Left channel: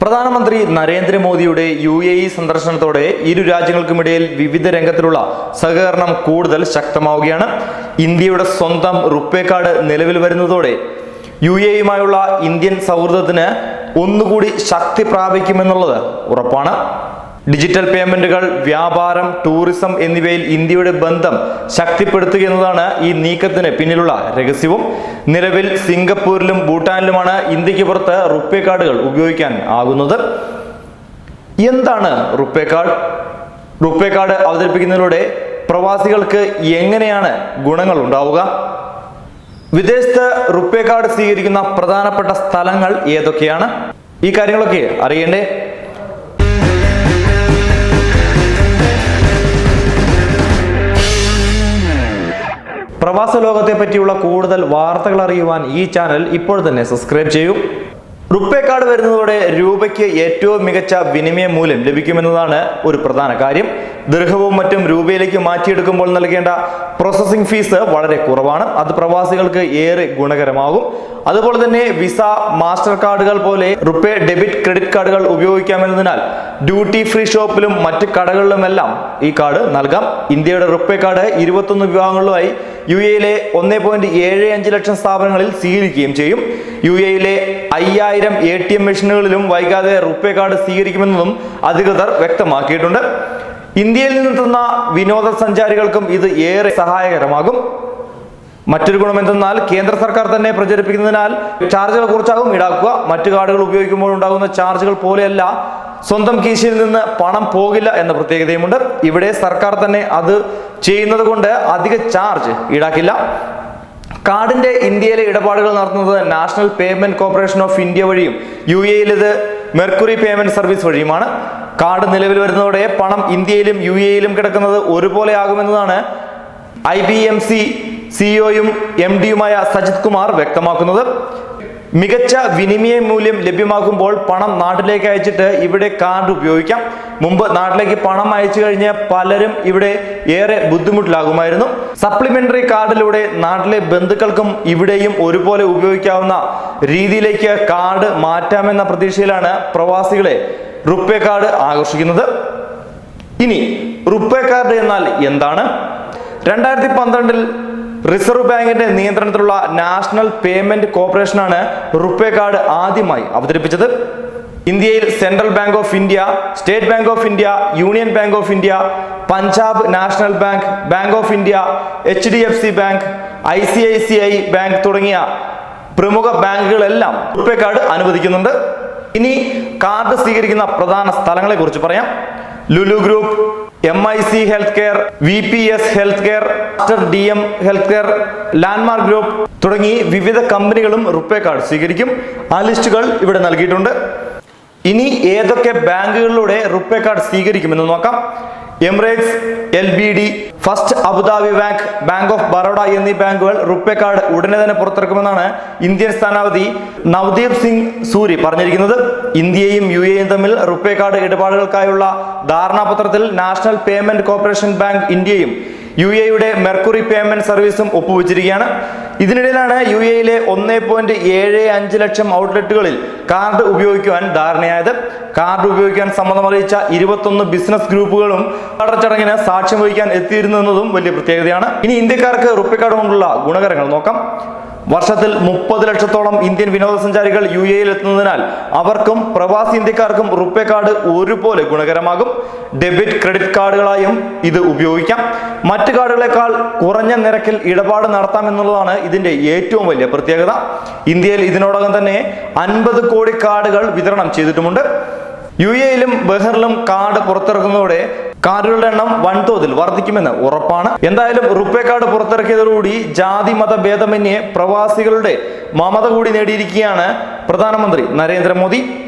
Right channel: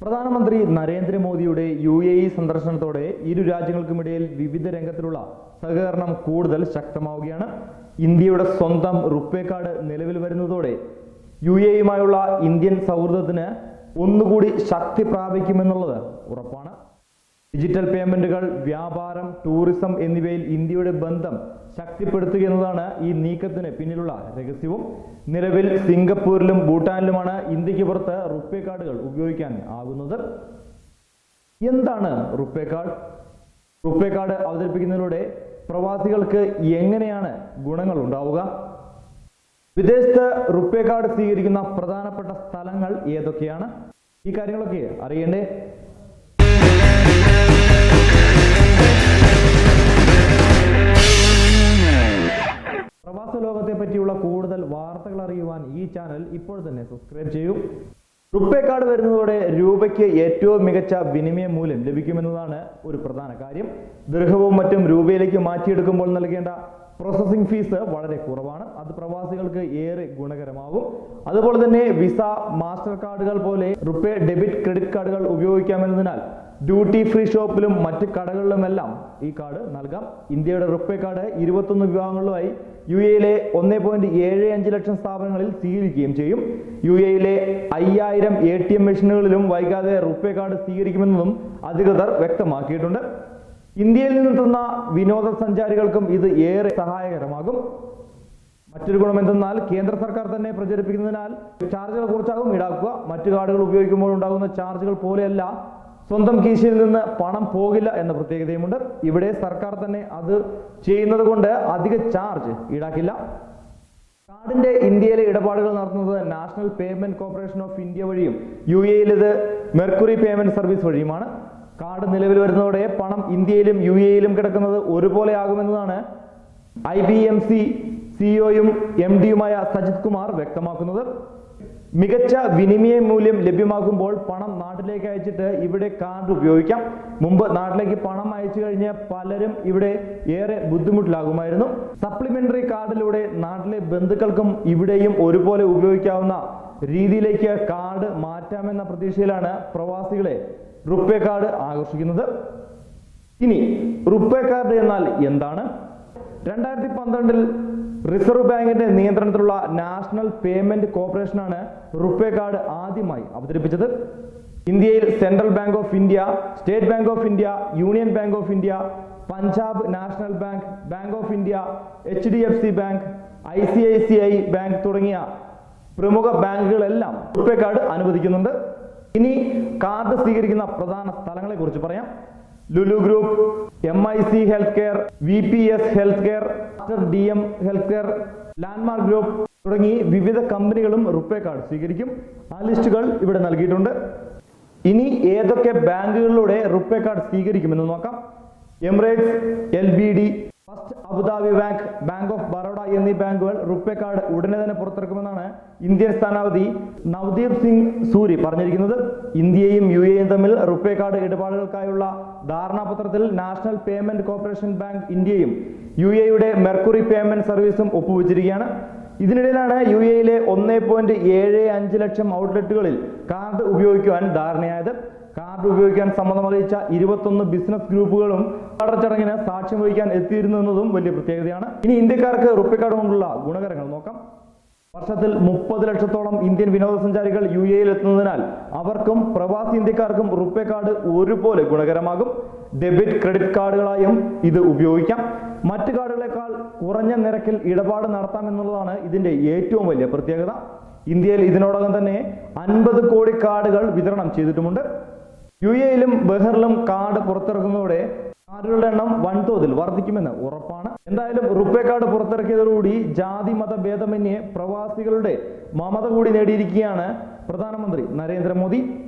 പ്രധാനമന്ത്രി നരേന്ദ്രമോദിയുടെ U A E സന്ദർശനത്തോടെ ഇരു രാജ്യങ്ങൾക്കുമിടയിൽ വിവിധ രംഗത്തിലുള്ള സഹകരണം കൂടുതൽ ശക്തമാവുകയാണ്. ഇന്ത്യയുടെ സ്വന്തം റുപ്പേ കാർഡ് നിലവിൽ വരുന്നതോടെ യു എ ഇയുമായുള്ള ഇന്ത്യൻ സൗഹൃദത്തിന് ഒന്നുകൂടി ശക്തി പ്രാപിക്കുമെന്നുള്ളത് ഉറപ്പാണ്. ഡിജിറ്റൽ പേയ്മെന്റുകൾ വ്യാപാരം ടൂറിസം എന്നിവയിൽ ഇന്ത്യയുടെ ബന്ധം ശക്തിപ്പെടുത്തുക എന്നതാണ് ഈ നീക്കത്തിന് പിന്നിലുള്ള രഹസ്യവും. നിലവിൽ സിംഗപ്പൂരിലും ഭൂട്ടാനിലുമാണ് ഇന്ത്യയ്ക്ക് പുറത്ത് റുപ്പേ കാർഡുകൾ ഉപയോഗിക്കാൻ ആകുന്നത്. എന്താണ് റുപ്പേ കാർഡ്? റുപ്പേ കാർഡ് അവതരിപ്പിക്കുന്നതിലൂടെ പ്രവാസികൾക്ക് എങ്ങനെയാണ് ഗുണങ്ങൾ ഉണ്ടാവുക? വിദേശത്ത് റുപ്പേ കാർഡ് സ്വീകരിക്കുന്ന പ്രധാനപ്പെട്ട സ്ഥലങ്ങൾ ഏതൊക്കെയാണ്? ഈ കാര്യങ്ങളൊക്കെ അറിയണ്ടേ? പ്രവാസ ലോകത്തെ പറ്റിയുള്ള കൂടുതൽ വാർത്തകൾ അറിയുവാൻ ഈ ചാനൽ ഇപ്പോൾ തന്നെ സബ്സ്ക്രൈബ് ചെയ്യൂ. റുപ്പേ കാർഡ് വരുന്നതോടെ രൂപയ്ക്ക് ഏറ്റവും മികച്ച വിനിമയ മൂല്യം ലഭിക്കുമെന്നതാണ് ഒരു പ്രധാന കാര്യം. ദീർഘവും മറ്റും രൂപയിലേക്ക് മാറ്റിയെടുക്കുമ്പോൾ നൽകേണ്ട പ്രോസസ്സിംഗ് ഫീസ് വളരെ കുറവാണ്. അത് പ്രവാസികൾക്ക് ഏറെ ഗുണകരമാകും. അതുപോലെ തന്നെ വിസ മാസ്റ്റർ കാർഡുകൾ പോലെ റുപ്പേ ഡെബിറ്റ് ക്രെഡിറ്റ് കാർഡുകൾ ഉപയോഗിക്കാമെന്നതിനാൽ ഡ്യൂട്ടി ഫ്രീ ഷോപ്പിലും മറ്റ് കടകളിലുമെല്ലാം ഈ കാർഡ് നൽകാം. ഇന്ത്യയുടെ റുപ്പേ കാർഡ് ഇരുപത്തൊന്ന് വിഭാഗങ്ങളിലുമായി യു എയിലെ ഒന്ന് പോയിന്റ് ഏഴ് അഞ്ച് ലക്ഷം സ്ഥാപനങ്ങളിൽ സ്വീകരിക്കുകയും ചെയ്യും. യു എയിലെ അയ്യായിരം എ ടി എം മെഷീനുകളിലും വൈകാതെ റുപ്പേ കാർഡ് സ്വീകരിക്കുമെന്നതും അധികൃതർ വ്യക്തമാക്കിയിട്ടുണ്ട്. ഇന്ത്യയിൽ നിന്നെത്തുന്ന വിനോദസഞ്ചാരികൾക്കും ഇത് ഏറെ സഹായകരമാകും. മറ്റൊരു ഗുണം എന്തെന്നാൽ കേന്ദ്ര സർക്കാർ തന്നെ പ്രചരിപ്പിക്കുന്നതിനാൽ ചാർജുകൾ കുറച്ചാകും ഈടാക്കുക. മറ്റു കാർഡുകൾ ഉപയോഗിക്കുമ്പോൾ ഉണ്ടാകുന്ന ചാർജുകൾ പോലെയല്ല. സ്വന്തം കീശയിൽ നിന്ന് പണം പോകില്ല എന്ന പ്രത്യേകതയുമുണ്ട്. ഇവിടെ സർക്കാർ തന്നെ അത് ചെയ്യുന്നത് കൊണ്ട് അധിക ചാർജ് ഈടാക്കില്ല. കാർഡിന്റെ ഇന്ത്യയിലെ ഇടപാടുകൾ നടത്തുന്നത് national payment corporation of India വഴിയും യു എയിൽ മെർക്കുറി പേയ്മെന്റ് സർവീസ് വഴിയുമാണ്. കാർഡ് നിലവിൽ വരുന്നതോടെ പണം ഇന്ത്യയിലും യു എയിലും കിടക്കുന്നത് ഒരുപോലെ ആകുമെന്നതാണ് ഐ ബി എം സി സിഇഒയും എം ഡിയുമായ സജിത് കുമാർ വ്യക്തമാക്കുന്നത്. മികച്ച വിനിമയ മൂല്യം ലഭ്യമാകുമ്പോൾ പണം നാട്ടിലേക്ക് അയച്ചിട്ട് ഇവിടെ കാർഡ് ഉപയോഗിക്കാം. മുമ്പ് നാട്ടിലേക്ക് പണം അയച്ചു കഴിഞ്ഞ പലരും ഇവിടെ ഏറെ ബുദ്ധിമുട്ടിലാകുമായിരുന്നു. സപ്ലിമെന്ററി കാർഡിലൂടെ നാട്ടിലെ ബന്ധുക്കൾക്കും ഇവിടെയും ഒരുപോലെ ഉപയോഗിക്കാവുന്ന രീതിയിലേക്ക് കാർഡ് മാറ്റാമെന്ന പ്രതീക്ഷയിലാണ് പ്രവാസികളെ റുപ്പേ കാർഡ് ആകർഷിക്കുന്നത്. ഇനി റുപ്പേ കാർഡ് എന്നാൽ എന്താണ്? രണ്ടായിരത്തി പന്ത്രണ്ടിൽ റിസർവ് ബാങ്കിന്റെ നിയന്ത്രണത്തിലുള്ള നാഷണൽ പേയ്മെന്റ് കോർപ്പറേഷനാണ് റുപ്പേ കാർഡ് ആദ്യമായി അവതരിപ്പിച്ചത്. ഇന്ത്യയിൽ central bank of India state bank of India union bank of India Punjab national bank bank of India H D F C bank I C I C I bank തുടങ്ങിയ പ്രമുഖ ബാങ്കുകളെല്ലാം RuPay card അനുവദിക്കുന്നുണ്ട്. ഇനി card സ്വീകരിക്കുന്ന പ്രധാന സ്ഥലങ്ങളെ കുറിച്ച് പറയാം. Lulu group M I C health care V P S health care D M health care landmark group തുടങ്ങി വിവിധ കമ്പനികളും റുപ്പേ കാർഡ് സ്വീകരിക്കും. ആ ലിസ്റ്റുകൾ ഇവിടെ നൽകിയിട്ടുണ്ട്. ഇനി ഏതൊക്കെ ബാങ്കുകളിലൂടെ റുപ്പേ കാർഡ് സ്വീകരിക്കുമെന്ന് നോക്കാം. Emirates L B D first Abu Dhabi bank bank of Baroda എന്നീ ബാങ്കുകൾ റുപ്പേ കാർഡ് ഉടനെ തന്നെ പുറത്തിറക്കുമെന്നാണ് ഇന്ത്യൻ സ്ഥാനാപതി നവദീപ് സിംഗ് സൂരി പറഞ്ഞിരിക്കുന്നത്. ഇന്ത്യയും യു എയും തമ്മിൽ റുപ്പേ കാർഡ് ഇടപാടുകൾക്കായുള്ള ധാരണാപത്രത്തിൽ നാഷണൽ പേയ്മെന്റ് കോർപ്പറേഷൻ ബാങ്ക് ഇന്ത്യയും യു എയുടെ മെർക്കുറി പേയ്മെന്റ് സർവീസും ഒപ്പുവെച്ചിരിക്കുകയാണ്. ഇതിനിടയിലാണ് യു എയിലെ ഒന്ന് പോയിന്റ് ഏഴ് അഞ്ച് ലക്ഷം ഔട്ട്ലെറ്റുകളിൽ കാർഡ് ഉപയോഗിക്കുവാൻ ധാരണയായത്. കാർഡ് ഉപയോഗിക്കാൻ സമ്മതം അറിയിച്ച ഇരുപത്തൊന്ന് ബിസിനസ് ഗ്രൂപ്പുകളും ചടങ്ങിന് സാക്ഷ്യം വഹിക്കാൻ എത്തിയിരുന്നതും വലിയ പ്രത്യേകതയാണ്. ഇനി ഇന്ത്യക്കാർക്ക് റുപ്പേ കാർഡ് കൊണ്ടുള്ള ഗുണകരങ്ങൾ നോക്കാം. വർഷത്തിൽ മുപ്പത് ലക്ഷത്തോളം ഇന്ത്യൻ വിനോദസഞ്ചാരികൾ യു എയിൽ എത്തുന്നതിനാൽ അവർക്കും പ്രവാസി ഇന്ത്യക്കാർക്കും റുപ്പേ കാർഡ് ഒരുപോലെ ഗുണകരമാകും. ഡെബിറ്റ് ക്രെഡിറ്റ് കാർഡുകളായും ഇത് ഉപയോഗിക്കാം. മറ്റു കാർഡുകളെക്കാൾ കുറഞ്ഞ നിരക്കിൽ ഇടപാട് നടത്താം എന്നുള്ളതാണ് ഇതിന്റെ ഏറ്റവും വലിയ പ്രത്യേകത. ഇന്ത്യയിൽ ഇതിനോടകം തന്നെ അൻപത് കോടി കാർഡുകൾ വിതരണം ചെയ്തിട്ടുമുണ്ട്. യു എയിലും ബഹറിലും കാർഡ് പുറത്തിറക്കുന്നതോടെ കാർഡുകളുടെ എണ്ണം വൻതോതിൽ വർദ്ധിക്കുമെന്ന് ഉറപ്പാണ്. എന്തായാലും റുപ്പേ കാർഡ് പുറത്തിറക്കിയതോടുകൂടി ജാതി മത ഭേദമന്യേ പ്രവാസികളുടെ മമത കൂടി നേടിയിരിക്കുകയാണ് പ്രധാനമന്ത്രി നരേന്ദ്രമോദി.